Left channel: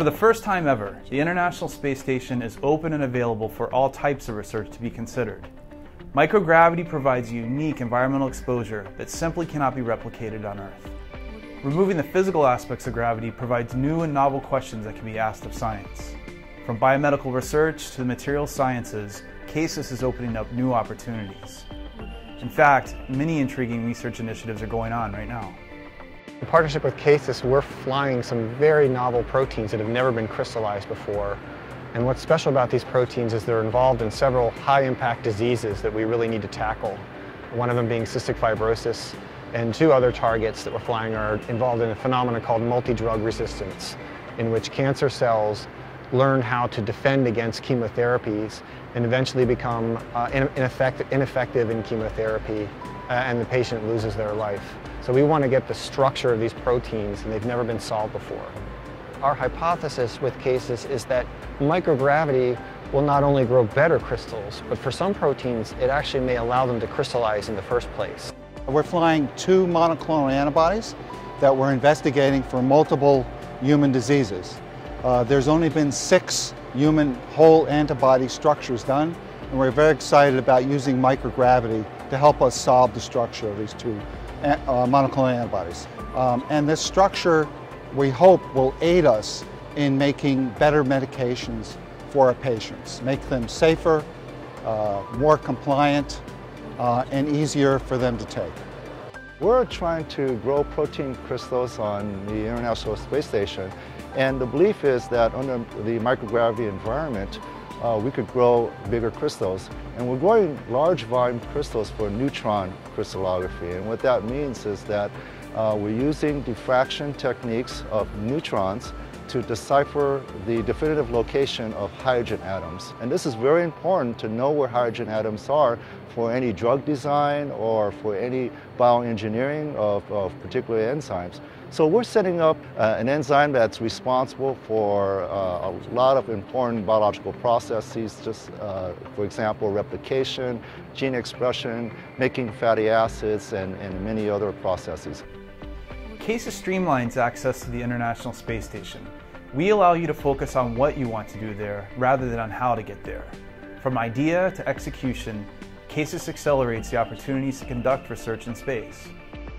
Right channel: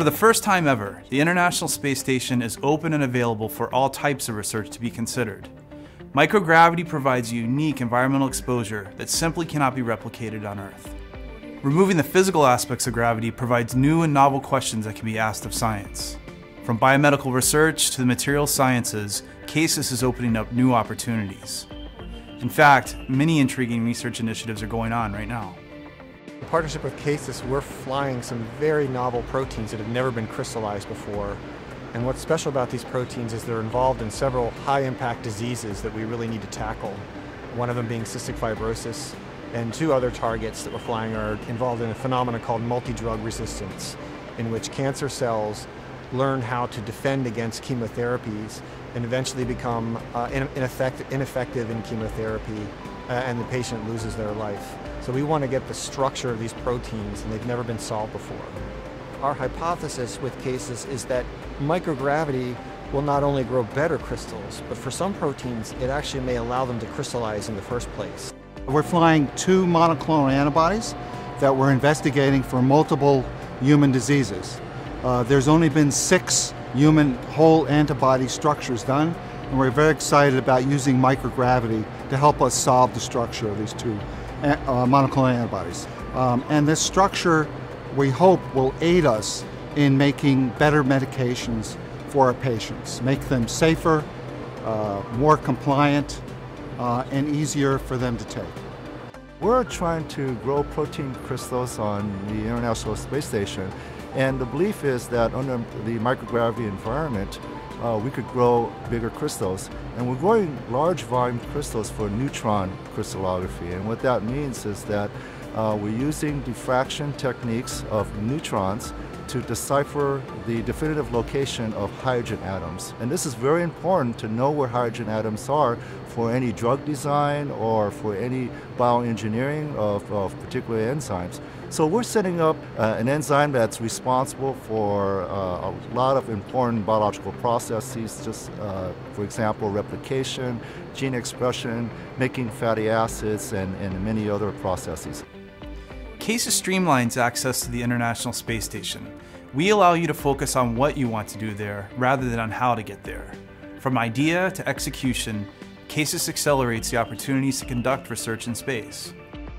For the first time ever, the International Space Station is open and available for all types of research to be considered. Microgravity provides a unique environmental exposure that simply cannot be replicated on Earth. Removing the physical aspects of gravity provides new and novel questions that can be asked of science. From biomedical research to the materials sciences, CASIS is opening up new opportunities. In fact, many intriguing research initiatives are going on right now. In partnership with CASIS, we're flying some very novel proteins that have never been crystallized before. And what's special about these proteins is they're involved in several high-impact diseases that we really need to tackle. One of them being cystic fibrosis, and two other targets that we're flying are involved in a phenomenon called multidrug resistance, in which cancer cells learn how to defend against chemotherapies and eventually become ineffective in chemotherapy, and the patient loses their life. So we want to get the structure of these proteins, and they've never been solved before. Our hypothesis with CASIS is that microgravity will not only grow better crystals, but for some proteins, it actually may allow them to crystallize in the first place. We're flying 2 monoclonal antibodies that we're investigating for multiple human diseases. There's only been 6 human whole antibody structures done, and we're very excited about using microgravity to help us solve the structure of these 2 monoclonal antibodies. And this structure, we hope, will aid us in making better medications for our patients, make them safer, more compliant, and easier for them to take. We're trying to grow protein crystals on the International Space Station, and the belief is that under the microgravity environment, we could grow bigger crystals. And we're growing large volume crystals for neutron crystallography, and what that means is that we're using diffraction techniques of neutrons to decipher the definitive location of hydrogen atoms. And this is very important to know where hydrogen atoms are for any drug design or for any bioengineering of particular enzymes. So we're setting up an enzyme that's responsible for a lot of important biological processes, just for example, replication, gene expression, making fatty acids, and many other processes. CASIS streamlines access to the International Space Station. We allow you to focus on what you want to do there rather than on how to get there. From idea to execution, CASIS accelerates the opportunities to conduct research in space.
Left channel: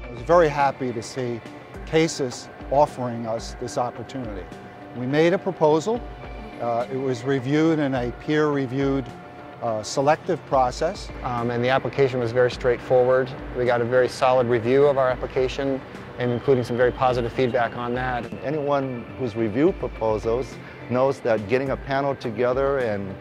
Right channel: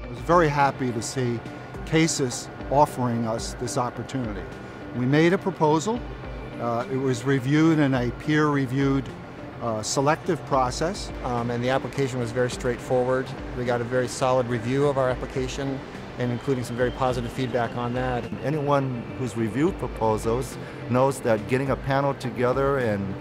I was very happy to see CASIS offering us this opportunity. We made a proposal. It was reviewed in a peer-reviewed selective process. And the application was very straightforward. We got a very solid review of our application, and including some very positive feedback on that. Anyone who's reviewed proposals knows that getting a panel together and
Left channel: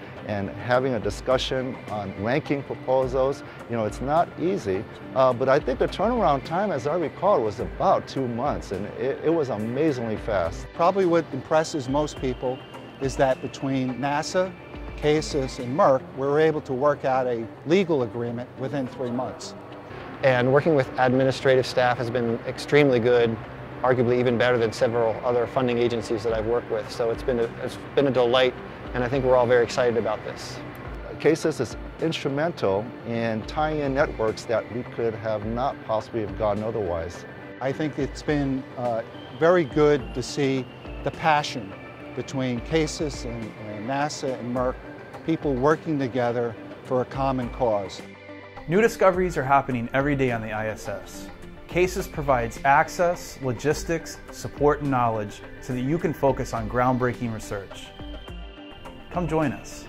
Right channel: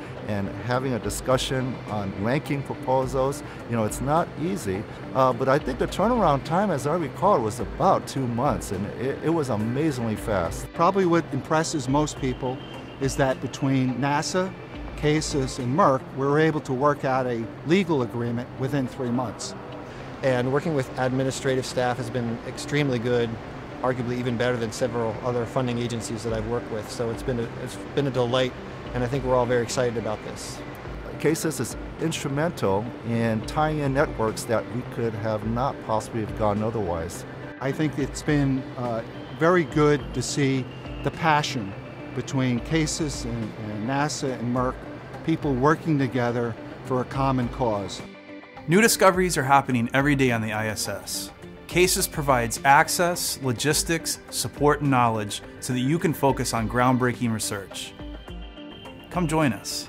having a discussion on ranking proposals, it's not easy. But I think the turnaround time, as I recall, was about 2 months, and it was amazingly fast. Probably what impresses most people is that between NASA, CASIS, and Merck, we were able to work out a legal agreement within 3 months. And working with administrative staff has been extremely good, arguably even better than several other funding agencies that I've worked with. So it's been a delight, and I think we're all very excited about this. CASIS is instrumental in tying in networks that we could have not possibly have gotten otherwise. I think it's been very good to see the passion between CASIS and NASA and Merck, people working together for a common cause. New discoveries are happening every day on the ISS. CASIS provides access, logistics, support, and knowledge so that you can focus on groundbreaking research. Come join us.